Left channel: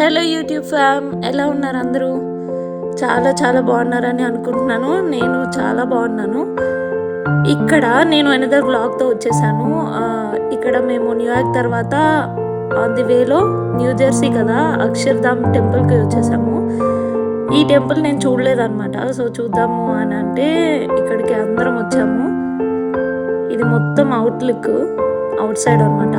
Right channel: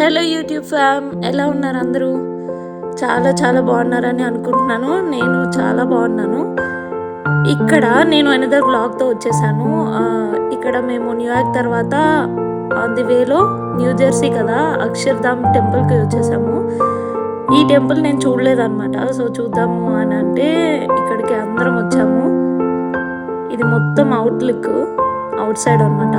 Hello YouTube ఫ్యామ్, ఎలా ఉన్నారు అందరూ? చాలా చాలా బాగున్నారని అనుకుంటున్నాను. నేను చాలా బాగున్నాను. ఇక్కడ నేను అనదర్ వ్లాగ్తో వచ్చేసాను. ఇక్కడ మేము న్యూయార్క్ తర్వాత ఆన్ ది వేలో న్యూ జెర్సీ కదా, అక్షర్ధామ్ టెంపుల్కి వచ్చేసాము. ఈ టెంపుల్ నేను చూడలేదన్నమాట. సో చూద్దాము అని అంటే ఇక్కడికి అందరం వచ్చాము. ఇది మొత్తం అవుట్ సైడ్ అనమాట.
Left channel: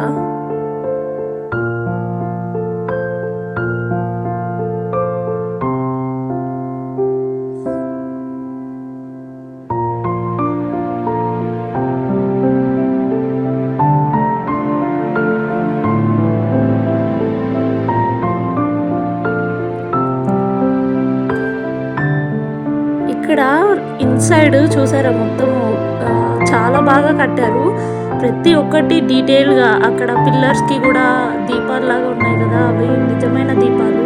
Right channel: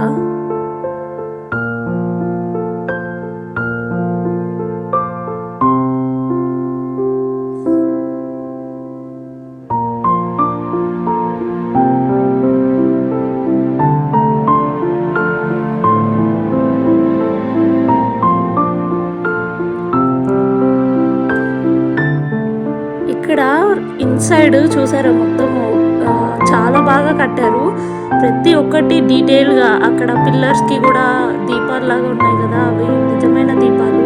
ఇక్కడ ఇన్సైడ్ చూసారా, మొత్తము చాలా బాగా కట్టారు. ప్రతి ఒక్కటి డీటెయిల్గా. అక్కడ పిల్లర్స్కి కూడా దీపాలు లాగా ఉన్నాయి కదా, అవి నిజమైన దీపాలు.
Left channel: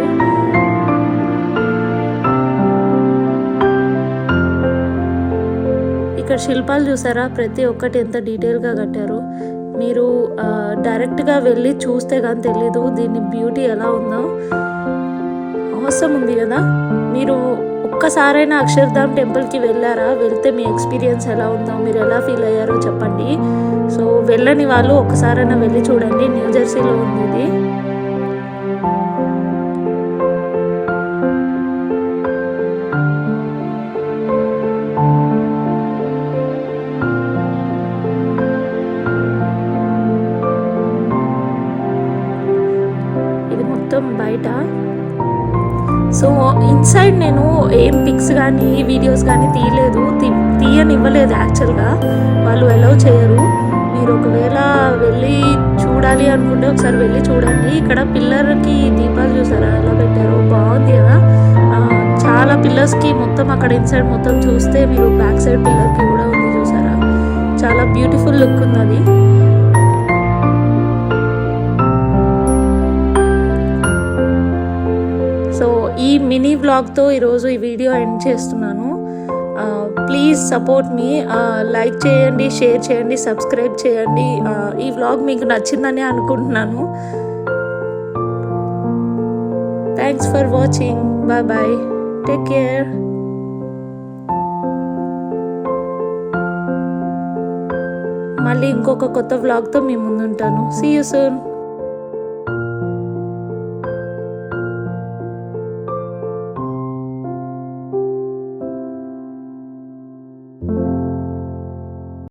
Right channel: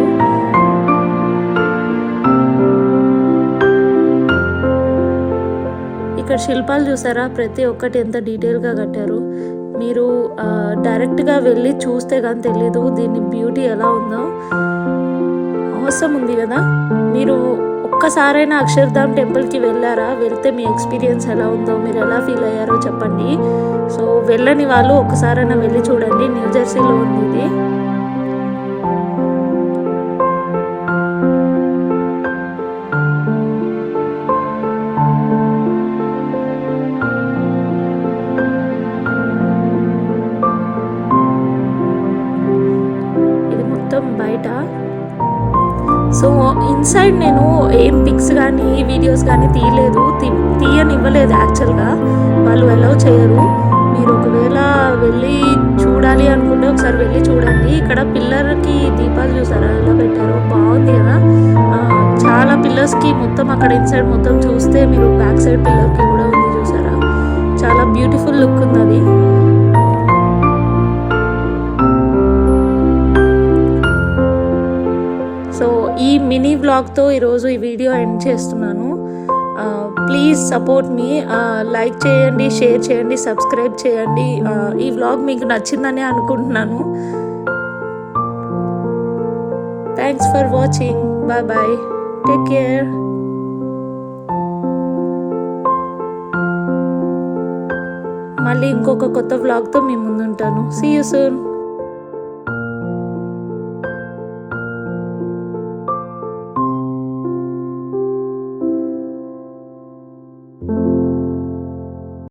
ఇక్కడ శిల్పాలు చూసారా, ప్రతి ఒక్కటి ఎంత డీటెయిల్గా కట్టారు. మీరు డైరెక్ట్గా వెళ్ళి చూస్తే కానీ తెలీదు దీని బ్యూటీ ఎలా ఉందో. అవసరం ఉంది కదా. మీరు ఒక్కసారైనా అక్షర్ధామ్ టెంపుల్కి వెళ్ళారా? వెళ్తే మీ ఎక్స్పీరియన్స్ ఎలా ఉందో, మీరు ఎలా ఫీల్ అయ్యారో చెప్పండి. సో వెళ్ళని వాళ్ళు ఒక్కసారైనా వెళ్ళి చూడండి. న్యూ జెర్సీలో ఉంది ఇది. ఇది మొత్తం బయట. సో ఇన్సైడ్ నేను ఏం పిక్స్ కానీ వీడియోస్ కానీ తీయలేదు, తీయనివ్వలేదు. యాక్చువల్గా వాళ్ళు అలౌ చేయరు. మీరు ఒకవేళ వెళ్ళి చూడాలి అనుకుంటే ఒకసారి వెళ్ళి చూడండి. ఇక్కడ పిల్లర్కి దీపాలు చూసారా ఎలా పెట్టారో, బాగుంది కదా. చాలా పిల్లర్స్కి మొత్తం అక్కడ ఇన్సైడ్ మొత్తం చూస్తే మీరు బ్యాక్ సైడ్ పిల్లర్కి కూడా ఉంది చూసారా, చాలా బ్యూటిఫుల్ లుక్ ఉంది అది. సో ఈ మినీ వ్లాగ్తో ఈరోజు ఈ వీడియో ఎండ్ చేస్తున్నాను. Please support me. లైక్ చేయండి, షేర్ చేయండి, సబ్స్క్రైబ్ చేయండి. ఈ వ్లాగ్ మీకు నచ్చిందని అనుకుంటున్నాను. Thanks for watching. Bye bye, take care. మళ్ళీ ఇంకొక కొత్త వ్లాగ్తో మీ ముందుంటాను. See you soon.